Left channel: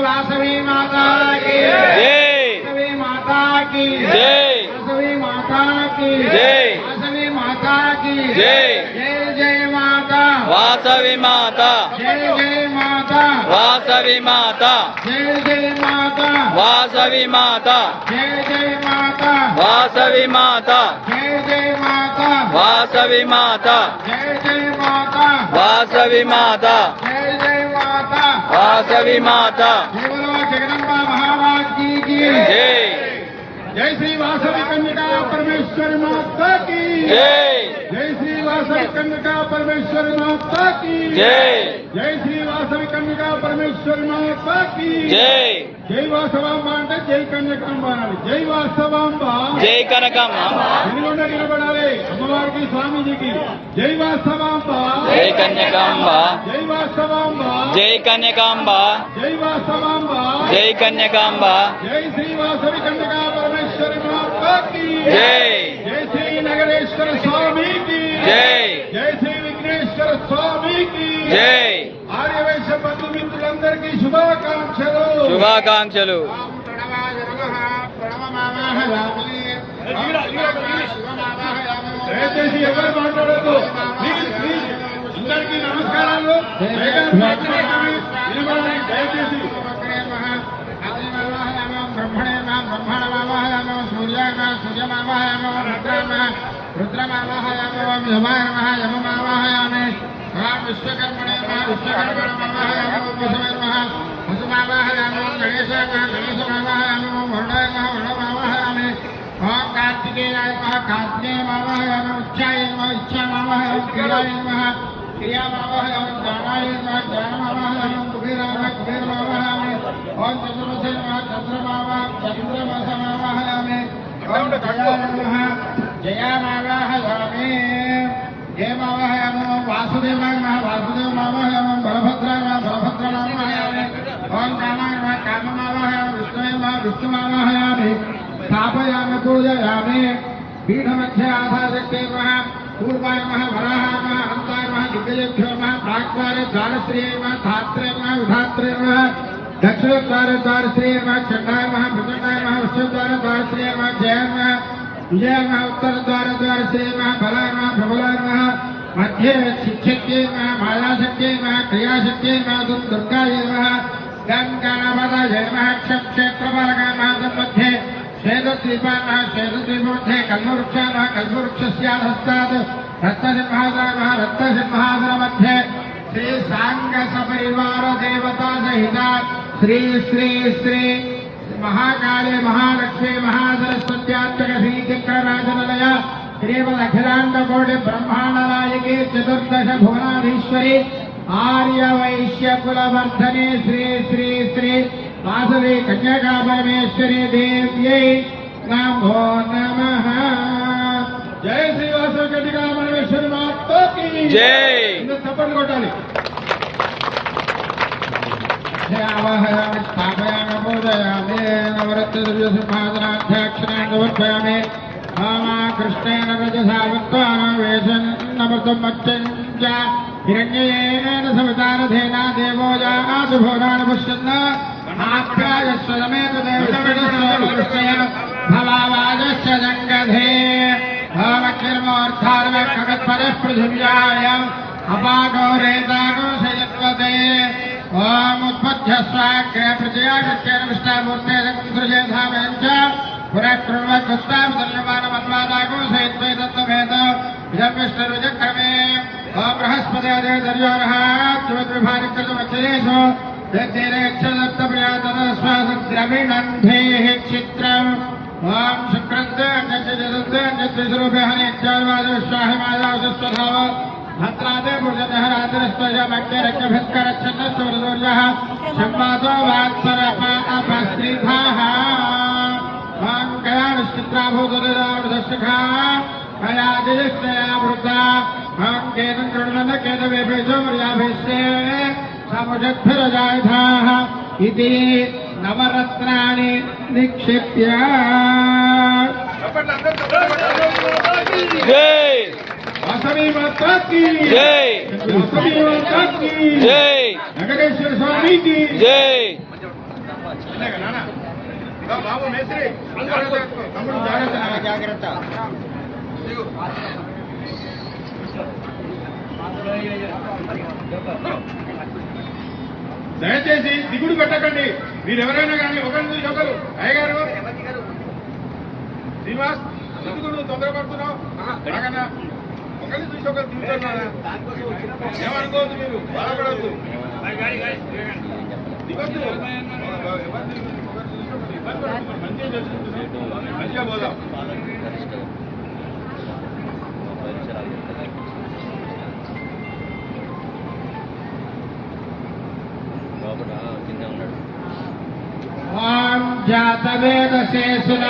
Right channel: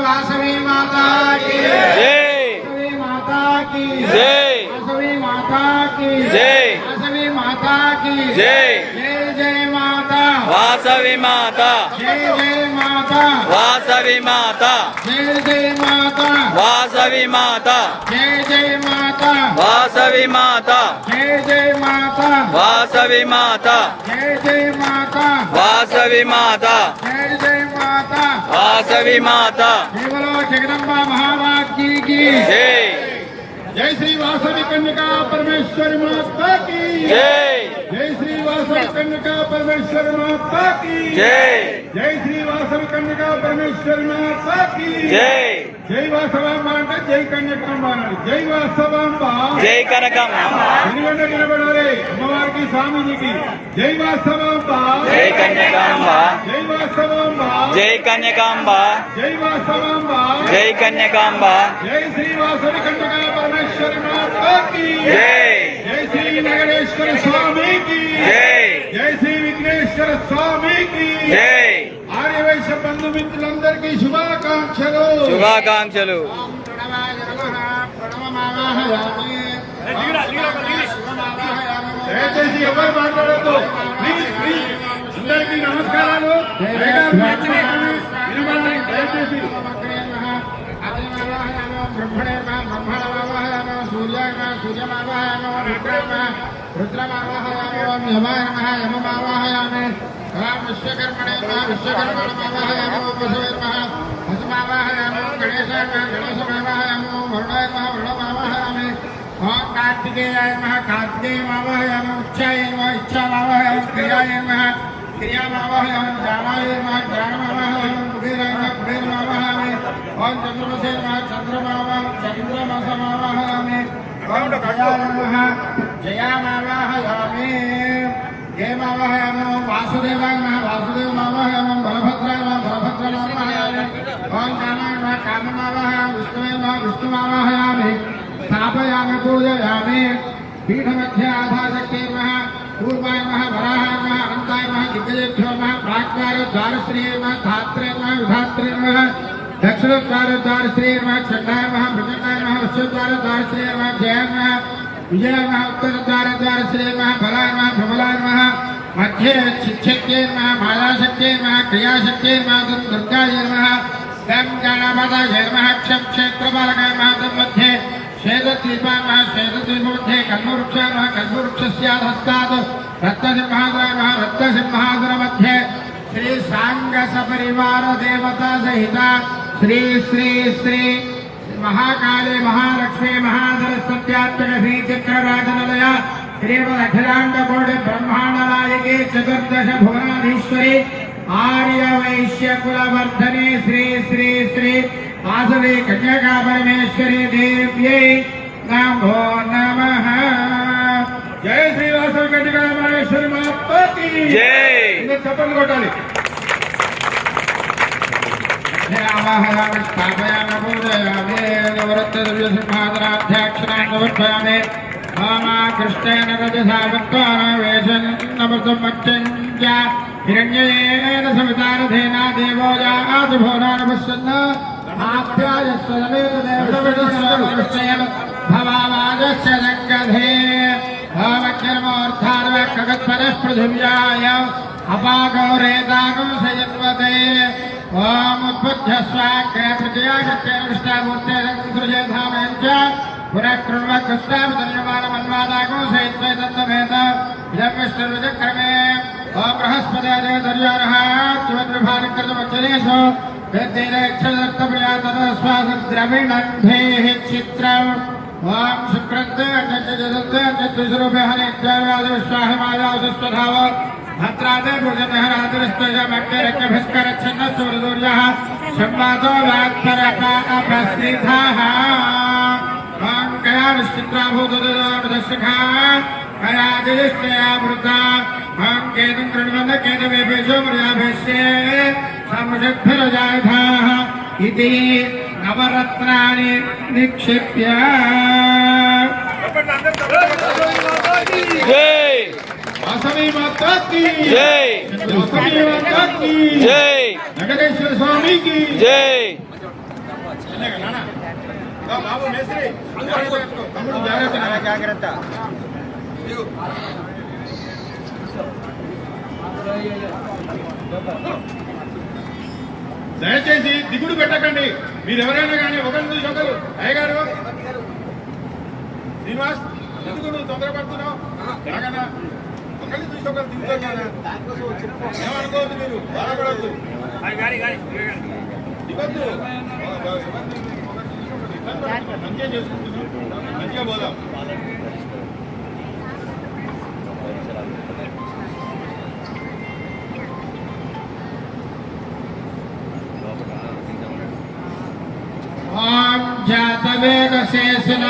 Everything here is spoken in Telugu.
वासवी माता की जय, माता की जय, वासवी माता की जय, वासवी माता की जय, जय जय माता वासवी माता, जय जय माता वासवी माता, जय जय माता वासवी माता, जय जय माता वासवी माता, जय जय माता वासवी माता, जय जय माता वासवी माता, जय जय माता वासवी माता, केवल जगदम्बा महाराज की जय, जय श्री वासवी कन्या परमेश्वर माता की जय, जय श्री वासवी कन्या परमेश्वर माता की जय, जय श्री वासवी कन्या परमेश्वर माता की जय, जय वासवांब అంటే జై కన్యకాంబ అనాలి జై వాసవాంబ జై కనకమ్మ, నిలబడి నిలబడాలి అమ్మవారికి స్వామీజీకి జై వాసవాంబ జై కన్యకాంబ, జై వాసవాంబ జై కన్యకాంబ, జై వాసవాంబ జై కన్యకాంబ, జై శ్రీ వాసవి కన్యకా పరమేశ్వరి మాతా की జై, जय श्री नगरेश्वर स्वामी की జై, जय श्री विघ्नेश्वर स्वामी की జై, आर्यवैश्य बंधु मित्रुలందరికీ శుభాకాంక్షలు శుభాకాంక్షలు. దయచేసి ఎవరు మాట్లాడద్దు ప్లీజ్ ప్లీజ్ అందరికీ నమస్కారాలు దయచేసి ब्रह्मणे ब्रह्मणमावाहयामो सूर्यमावाहयामो रुद्रमावाहयामो यमाय नमः यममावाहयामि भगवान् विश्वकर्मणे नमः विश्वकर्मणमावाहयामो वसुवे नमः वसुमावाहयामो गणेशाय नमः गणेशमावाहयामो वरुणाय नमः वरुणमावाहयामि ओम कार्तिकेयाय नमः कार्तिकेयमावाहयामो उच्चाय नमः इच्छामावाहयामो क्रियाय नमः क्रियामावाहयामो ज्ञानाय नमः ज्ञानमावाहयामो कुबेराय नमः कुबेरमावाहयामि ओम चंद्रमसे नमः चंद्रमसमावाहयामि ओम जयामावाहयामि हेमावाहयामो वासुदेवाय नमः वासुदेवमावाहयामो बलभद्राय नमः बलभद्रमावाहयामि ओम कामाय नमः काममावाहयामि विष्णुवे नमः विष्णुमावाहयामि स्थापयामि पूजयामि पीठमध्ये आधारशक्ते नमः पूर्वाय नमः वराहाय नमः अनन्ताय नमः दिव्येभ्यो नमः प्राक्द्वार द्वारश्री नमः धात्रे नमः उधात्रे नमः दक्षिणद्वार द्वारश्री नमः चण्डाय नमः मृगंगाय नमः उत्सवद्वार द्वारश्री नमः जयाय नमः विजय नमः उत्तरद्वार द्वारश्री नमः बलाय नमः प्रबलाय नमः मध्ये शिक्षक्ते नमः मायाशक्ते नमः क्रियाशक्ते नमः दुर्गाय नमः गं गणपतये नमः क्षेत्रभागाय नमः तन्मध्ये श्वेतदीपाय नमः श्वेतदीपमध्ये कल्पवृक्षाय नमः कल्पवृक्षस्याधस्तात् रत्नसिंहासनाय नमः रत्नसिंहासनमध्ये श्री सांग सपरिवार देवता सहित श्री श्री श्री महाकाले महालक्ष्मी महासरस्वत्यात्मक श्री चक्रराजनिलय श्रीमद अखिलांड कोटि ब्रह्मांड नायके चतुर्दश भुवनाधीश्वरी आर्य वैश्य कुलवर्धने श्री श्री श्री वासवी कन्यका परमेश्वरी देव्यै नमो नमः। जय श्री वासवी कन्यका परमेश्वरी माता की जय। चप्पल कोटाली आवाहयामि स्थापयामि पूजयामि नवरत्नदिव्यसिंहासनाध्यक्षणां मामा कृष्णेन रजसा वक्त्वावेशन्नमृतं च हिरण्ययेन सवितारथेन देवो याति भुवनानि पश्यन् आप्यायस्वरमेव देवकृष्णेन भवावाजस्य जङ्गधे भावक्षर्मोऽर्थार्वकगत्परः पृथिव्याय अपागौरेतानुसयत्वते ओम उत्पद्यस्वाग्रे प्रजयादित्येन विष्टामूर्ते सृजेधामेन च पुरः कृण्वत्कृष्णाभितन्यमानमन्वादागुं सहित्वैतत्वभेद इदं विष्णुर्विचक्रमे ओम बृहस्पतिर्देव दर्यारः किमद्विभानिकृतमच्चरेषु वेद्येनक्षत्रप्रियातनस्वासद्रविणन्धेः चित्रम् ओम शुक्रद्वे अन्यज्जदद्वे अन्यद्विषरूपे हरित्यादिवादविश्वाहिमायावसस्वधाव भद्रादे भुजनहरादिरस्त्वजमग्निरक्यभिस्करच्छन्नस्वरदूर्यः संवादो वात्परपापस्निधाः ओम गयानिश्चित्राभूतददानुदर्शखा गयादिष्टयावृता ओम केतुं कृण्वन्द केतवेभेषो मर्याभेष्ये समुषद्भिरजायथाः इति नवरत्नानि निक्षिप्य జై వాసవి మాతాకి జై వాసవి మాతాకి జై వెంకటేశ్వర స్వామికి జై బాబు మేస్త్రి తమ్ముడు జాగ్రత్త దయచేసి దిగుడు పెట్టకండి. మీరు ఎవరైనా కానీ ఒకరి చూసి ఒకరు అయ్యగారు శ్రీనివాస్ ఎందుకు నువ్వు తొందరపడుతున్నావు? రాగనా ఒకరిని చూసి ఒకరు దిగుతున్నారా? ఏమనుకోవద్దు, మీరు బాధపడద్దు, దిగొద్దు. మంచిగా చేసుకుంటున్నాం, మంచిగా పోదాం. జాతవేద శేషుల